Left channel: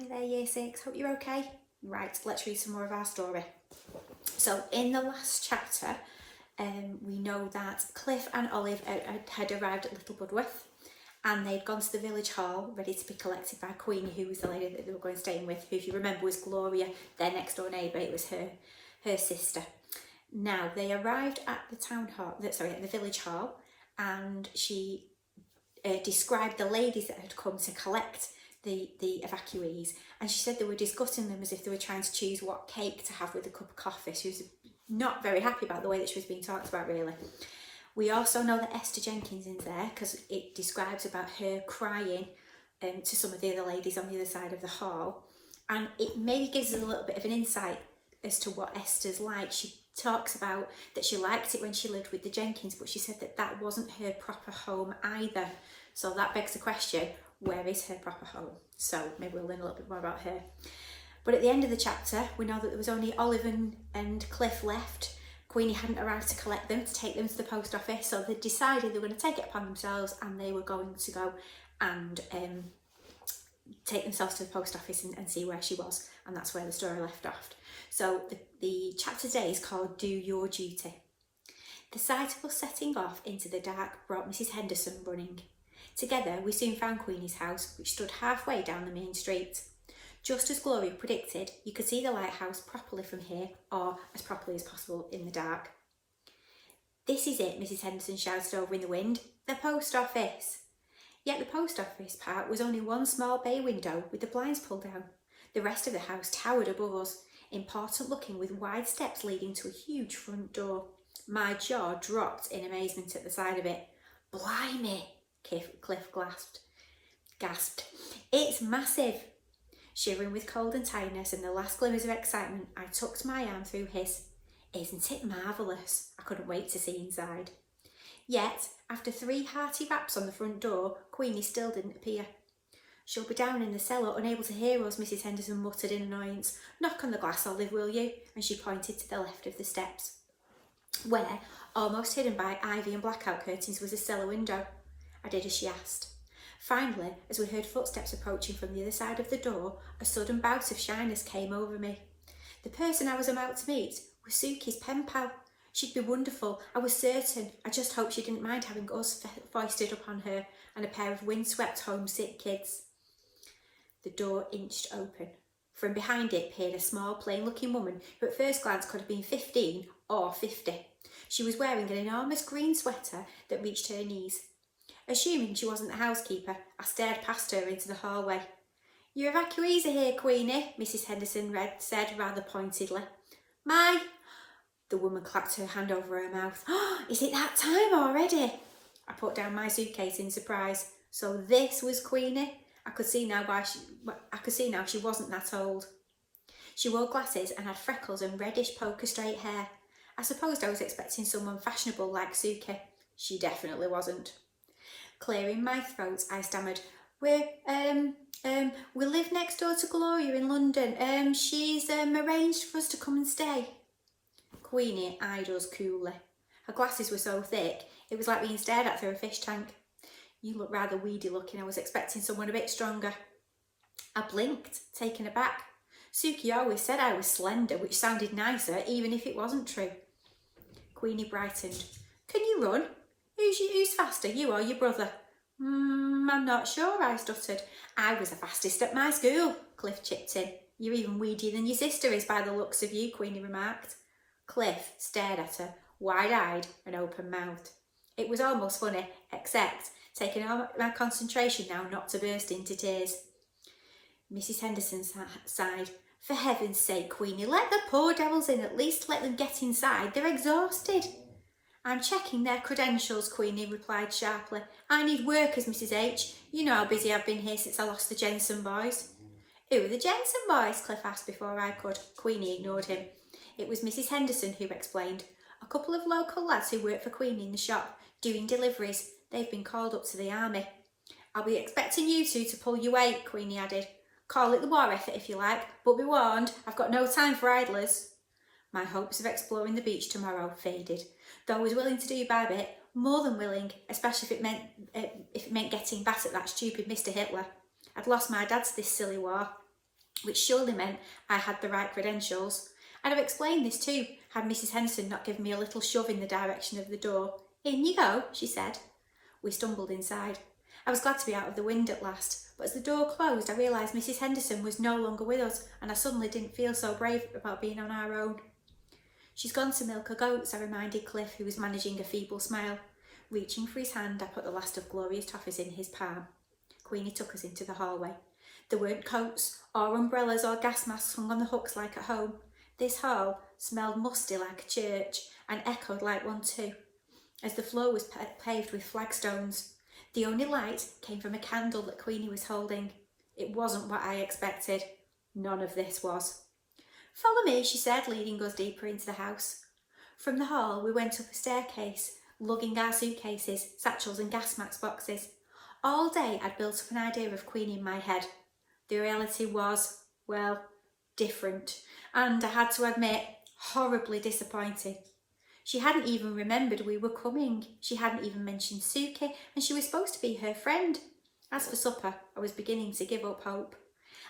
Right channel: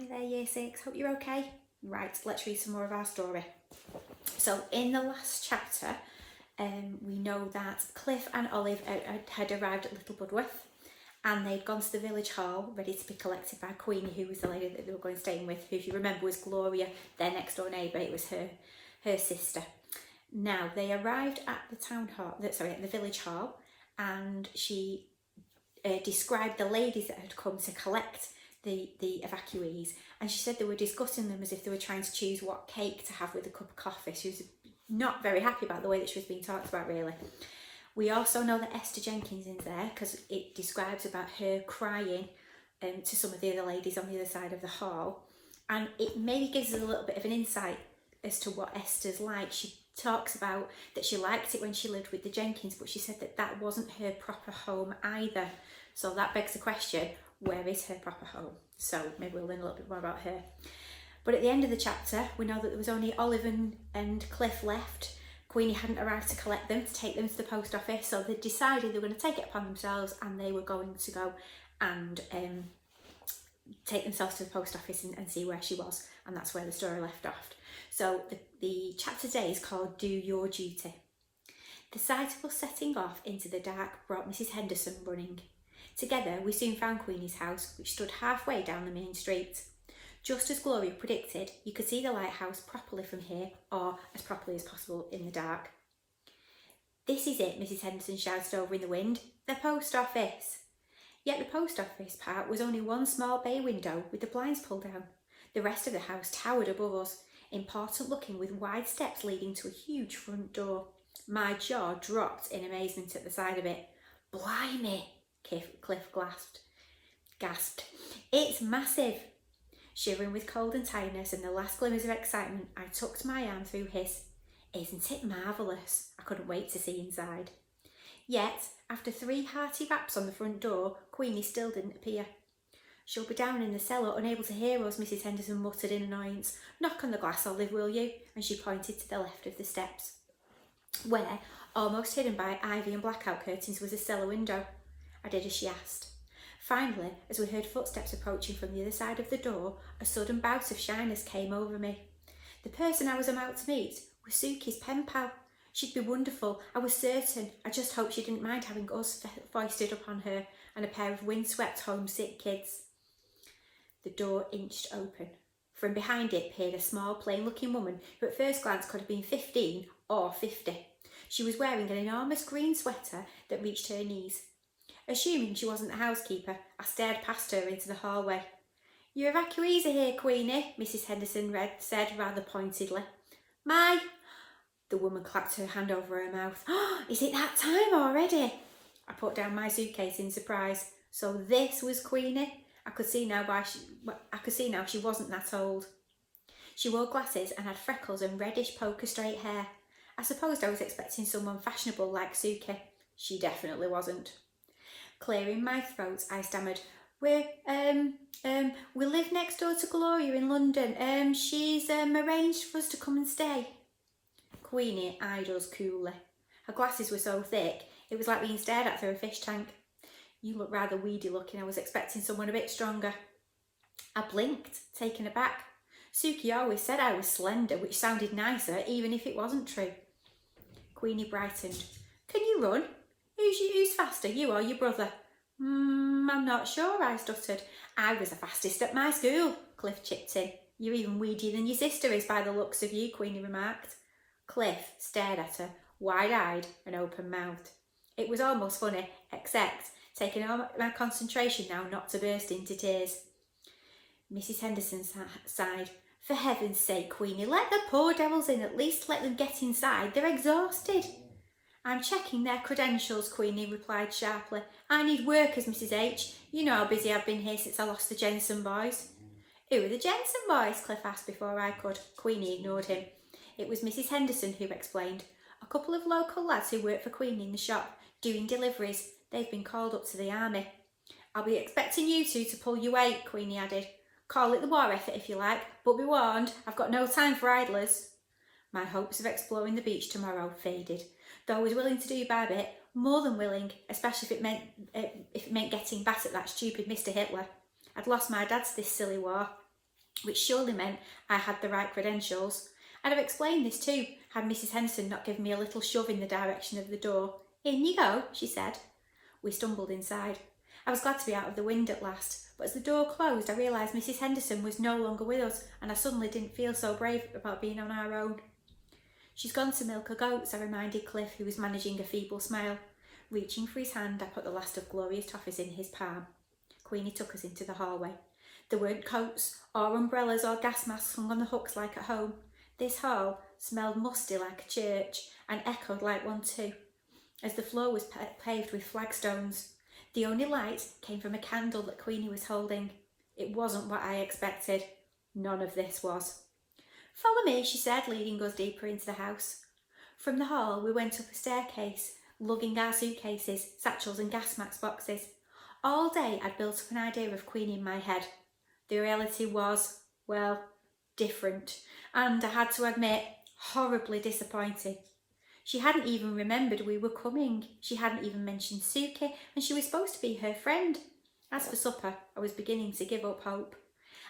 Hi there, Year 6. Hope you're okay. Right, let's read some more of our story. So, in the last chapter, we know that Cliff and Olive had arrived at Little Budworth and they'd gone to the village hall ready to be collected by Queenie, who was the lady that they were going staying with, who, if you remember, was Gloria, their next door neighbour. It was her sister. Now, they arrived at the village hall, and she described the ladies that had come to collect the evacuees, and she said they were discussing them as if they were trying to choose what cake to have with a cup of coffee. She was not very happy about the way that she was being talked about, really. We also know that Esther Jenkins is there because it describes about her crying to some of the other ladies on the other side of the hall, and it maybe gives us a little bit of an insight as to what Esther's like. She talks about that she liked it when she lived with the Jenkins, but she said that that wasn't her proper home either. So that begs the question, where is her proper home? So maybe we'll learn a little bit more about her. But at the end of the chapter, we know that there was only Olive and Cliff left. Queenie hadn't arrived to collect them, to take them to the post office, so they decided they were going to take it upon themselves and they were going to go and take themselves to the post office and see where she was. And that's where the story left off. So the chapter today is called Do Your Duty. The sight of us setting off into the dark brought Mrs. Henderson running. Together we soon found Queenie's house, which stood halfway down the main street. Just as Gloria predicted, you could see the lighthouse properly from here, or as properly as possible in the dark. "This is it," Mrs. Henderson shouted over in the wind. "The post office." Yet the post office part was only one small bay window with the blinds pulled down. The rest of the house towered above us, important looking, with wide steps leading to a huge front door. My jaw dropped in amazement at the sight of it. "Blimey," Cliff gasped. "It's massive." Shivering with cold and tiredness and the last glimmers of excitement, I tucked my arm through his. "Isn't it marvellous?" I couldn't wait to see inside. Yet, after 3 hearty raps on the front door, Queenie still didn't appear. "She'll be down in the cellar, unable to hear us," Mrs. Henderson muttered in annoyance. "Knock on the glass, Olive, will you?" And she pointed to the left of the steps, where, almost hidden by ivy and blackout curtains, was a cellar window. I did as she asked. Finally, as we heard footsteps approaching from the other side of the door, a sudden bout of shyness came over me. The person I was about to meet was Suki's pen pal. She'd be wonderful, I was certain. I just hoped she didn't mind having us foisted upon her and a pair of windswept homesick kids. The door inched open. From behind it peered a small, plain-looking woman who at first glance could have been 15 or 50. She was wearing an enormous green sweater that reached her knees. Assuming she wasn't the housekeeper, I stared past her into the hallway. "Your evacuees are here, Queenie," Mrs. Henderson said rather pointedly. "My..." The woman clapped her hand over her mouth. "Oh, is it that time already?" I put down my suitcase in surprise. So this was Queenie. I could see now she wasn't that old. She wore glasses and had freckles and reddish poker straight hair. I supposed I was expecting someone fashionable like Suki. She definitely wasn't. Clearing my throat, I stammered, We live next door to Gloria in London. She's arranged for us to come and stay." Queenie eyed us coolly. Her glasses were so thick, it was like being stared at through a fish tank. "You look rather weedy looking. I was expecting someone a bit stronger." I blinked, taken aback. Suki always said I was slender, which sounded nicer, even if it wasn't true. Queenie brightened. "Can you run? Who's faster, you or your brother?" I'm not sure," I stuttered. "I was the fastest at my school," Cliff chipped in. "You're even weedier than your sister is by the looks of you," Queenie remarked. Cliff stared at her, wide-eyed and open-mouthed. It was almost funny, except taking all my concentration now not to burst into tears. Mrs. Henderson sighed. "For heaven's sake, Queenie, let the poor devils in. At least let them get inside. They're exhausted." "I'm checking their credentials," Queenie replied sharply. "I need workers, Mrs. H. You know how busy I've been here since I lost the Jensen boys." "Who are the Jensen boys?" Cliff asked before I could. Queenie ignored him. It was Mrs. Henderson who explained. "A couple of local lads who work for Queenie in the shop, doing deliveries. They've been called up to the army." "I'll be expecting you two to pull your weight," Queenie added. "Call it the war effort if you like, but be warned, I've got no time for idlers." My hopes of exploring the beach tomorrow faded. Though I was willing to do by bit, more than willing, especially if it meant getting back at that stupid Mr. Hitler. I'd lost my dad to this silly war. which surely meant I had the right credentials. I'd have explained this too, had Mrs. Henderson not given me a little shove in the direction of the door. "In you go," she said. We stumbled inside. I was glad to be out of the wind at last, but as the door closed I realised Mrs. Henderson was no longer with us, and I suddenly didn't feel so brave about being on our own. "She's gone to milk her goats," I reminded Cliff, who was managing a feeble smile. Reaching for his hand, I put the last of Gloria's toffees in his palm. Queenie took us into the hallway. There weren't coats or umbrellas or gas masks hung on the hooks like at home. This hall smelled musty like a church and echoed like one too, as the floor was paved with flagstones. The only light came from a candle that Queenie was holding. It wasn't what I expected. None of this was. "Follow me," she said, leading us deeper into the house. From the hall we went up a staircase, lugging our suitcases, satchels and gas mask boxes. All day I'd built up an idea of Queenie in my head. The reality was, well, different, and I had to admit, horribly disappointing. She hadn't even remembered we were coming. She hadn't even mentioned Suki, and she was supposed to be her friend. As for supper, I was beginning to give up hope.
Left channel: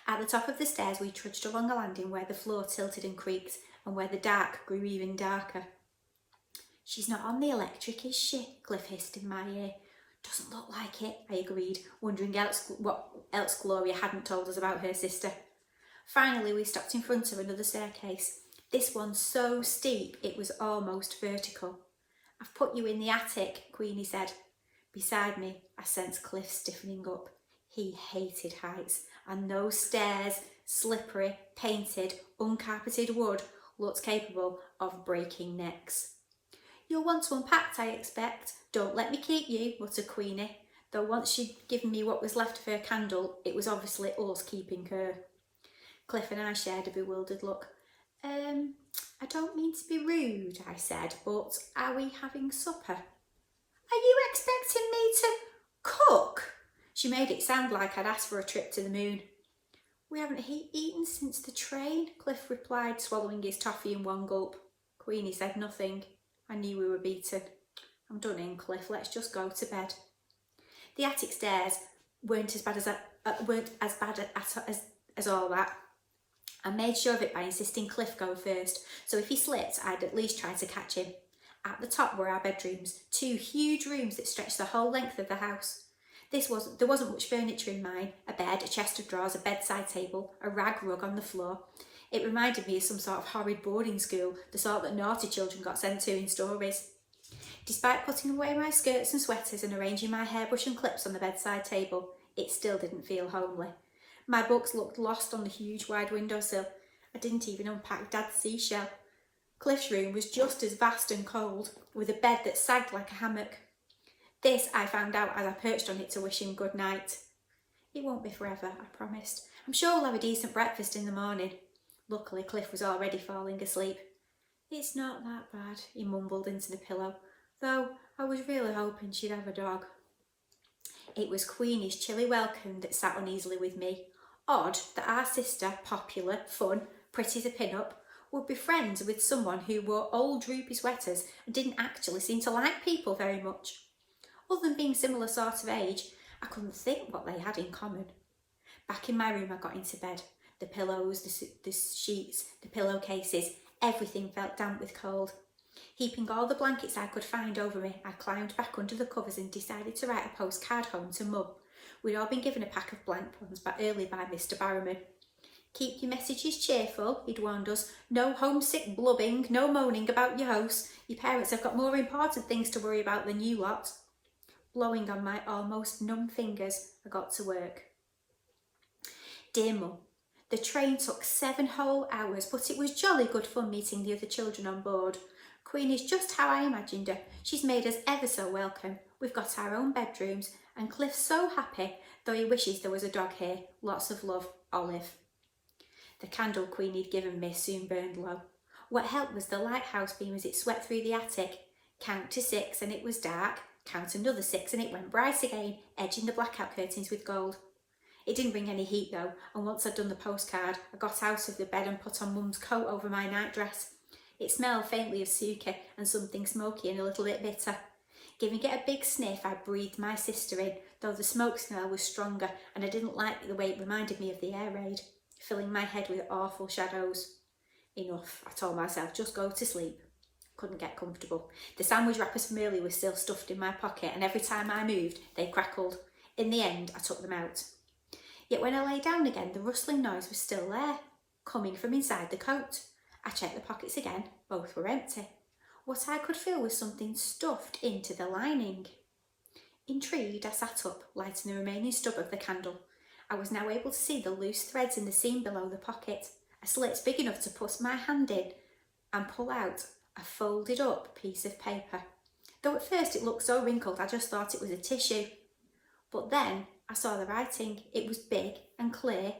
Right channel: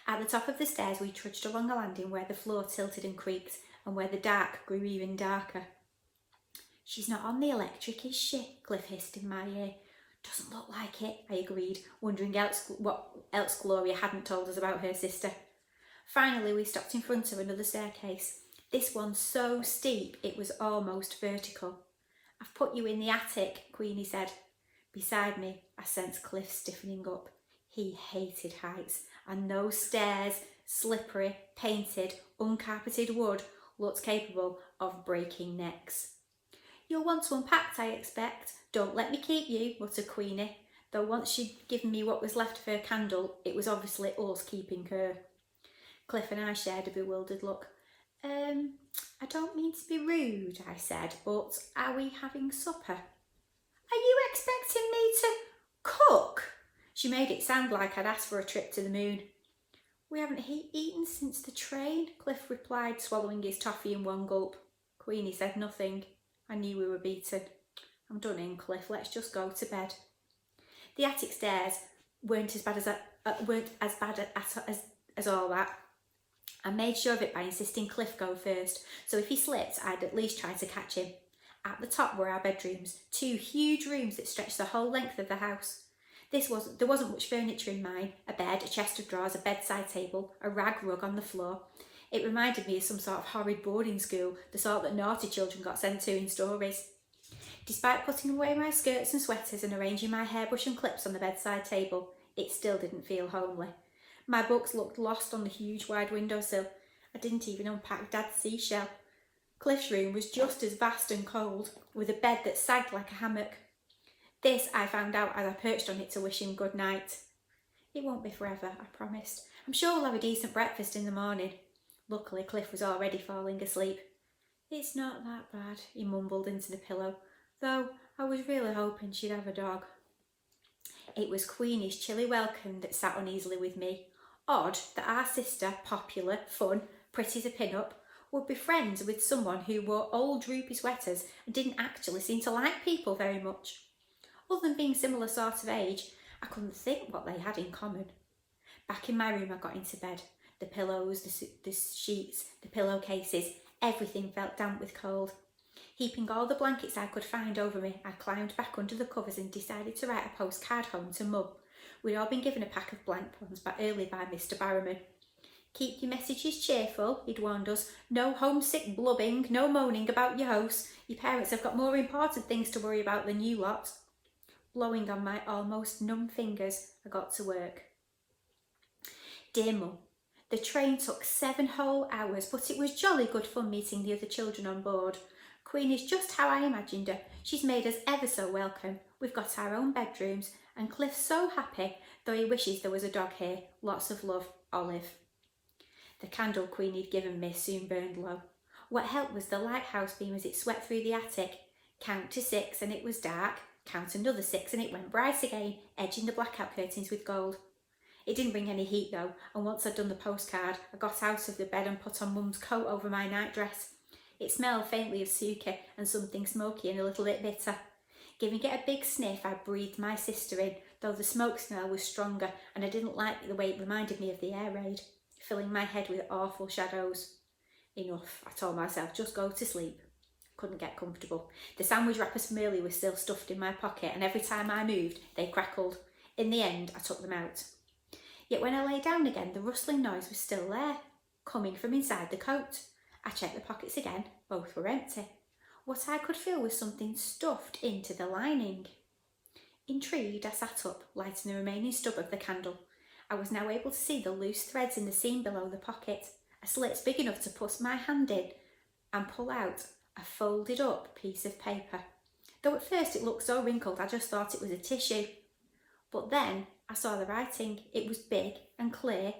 At the top of the stairs we trudged along a landing where the floor tilted and creaked, and where the dark grew even darker. "She's not on the electric, is she?" Cliff hissed in my ear. "Doesn't look like it," I agreed, wondering what else Gloria hadn't told us about her sister. Finally we stopped in front of another staircase. This one so steep it was almost vertical. "I've put you in the attic," Queenie said. Beside me I sensed Cliff stiffening up. He hated heights, and those stairs, slippery, painted, uncarpeted wood, looked capable of breaking necks. "You'll want to unpack, I expect. Don't let me keep you," muttered Queenie, though once she'd given me what was left of her candle, it was obviously us keeping her. Cliff and I shared a bewildered look. I don't mean to be rude," I said, "but are we having supper?" "Are you expecting me to cook?" She made it sound like I'd asked for a trip to the moon. "We haven't eaten since the train," Cliff replied, swallowing his toffee in one gulp. Queenie said nothing. I knew we were beaten. "I'm done in, Cliff. Let's just go to bed." The attic stairs weren't as bad as all that. I made sure of it by insisting Cliff go first, so if he slipped, I'd at least try to catch him. At the top were our bedrooms, 2 huge rooms that stretched the whole length of the house. There wasn't much furniture in mine: a bed, a chest of drawers, a bedside table, a rag rug on the floor. It reminded me of some sort of horrid boarding school, the sort that naughty children got sent to in stories. Despite putting away my skirts and sweaters and arranging my hairbrush and clips on the bedside table, it still didn't feel homely. My books looked lost on the huge wide windowsill. I didn't even unpack Dad's seashell. Cliff's room was just as vast and cold, with a bed that sagged like a hammock. This I found out as I perched on it to wish him good night. "It won't be forever," I promised. "I'm sure we'll have a decent breakfast in the morning." Luckily, Cliff was already falling asleep. "It's not that bad," he mumbled into the pillow, "though I was really hoping she'd have a dog." It was Queenie's chilly welcome that sat uneasily with me. Odd that our sister, popular, fun, pretty as a pin-up, would be friends with someone who wore old droopy sweaters and didn't actually seem to like people very much. Other than being similar sort of age, I couldn't think what they had in common. Back in my room I got into bed. The pillows, the sheets, the pillowcases, everything felt damp with cold. Heaping all the blankets I could find over me, I climbed back under the covers and decided to write a postcard home to Mum. We'd all been given a pack of blank ones early by Mr. Barrowman. "Keep your messages cheerful," he'd warned us. "No homesick blubbing, no moaning about your house. Your parents have got more important things to worry about than you lot." Blowing on my almost numb fingers, I got to work. "Dear Mum, the train took 7 whole hours, but it was jolly good fun meeting the other children on board. Queenie's just how I imagined her. She's made us ever so welcome. We've got our own bedrooms, and Cliff's so happy, though he wishes there was a dog here. Lots of love, Olive." The candle Queenie'd given me soon burned low. What helped was the lighthouse beam as it swept through the attic. Count to 6 and it was dark. Count another 6 and it went bright again, edging the blackout curtains with gold. It didn't bring any heat though, and once I'd done the postcard, I got out of the bed and put on Mum's coat over my nightdress. It smelled faintly of Suki and something smoky and a little bit bitter. Giving it a big sniff, I breathed my sister in, though the smoke smell was stronger and I didn't like the way it reminded me of the air raid. filling my head with awful shadows. Enough, I told myself, just go to sleep. Couldn't get comfortable. The sandwich wrappers from earlier were still stuffed in my pocket, and every time I moved, they crackled. In the end, I took them out. Yet when I lay down again, the rustling noise was still there, coming from inside the coat. I checked the pockets again, both were empty. What I could feel was something stuffed into the lining. Intrigued, I sat up, lighting the remaining stub of the candle. I was now able to see the loose threads in the seam below the pocket, a slit big enough to put my hand in and pull out a folded up piece of paper. Though at first it looked so wrinkled, I just thought it was a tissue. But then I saw the writing. It was big and clear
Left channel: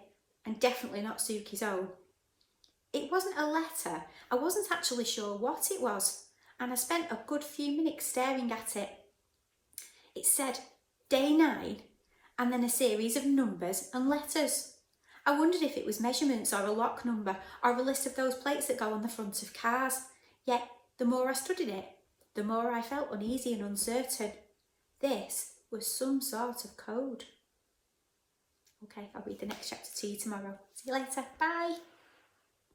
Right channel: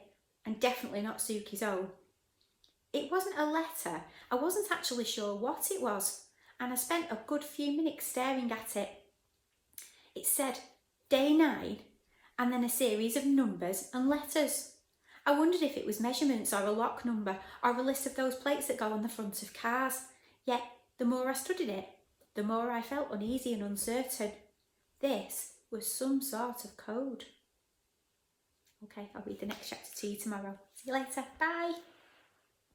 and definitely not Suki's own. It wasn't a letter. I wasn't actually sure what it was, and I spent a good few minutes staring at it. It said day 9 and then a series of numbers and letters. I wondered if it was measurements or a lock number or a list of those plates that go on the front of cars. Yet the more I studied it, the more I felt uneasy and uncertain. This was some sort of code. Okay, I'll read the next chapter to you tomorrow. See you later. Bye.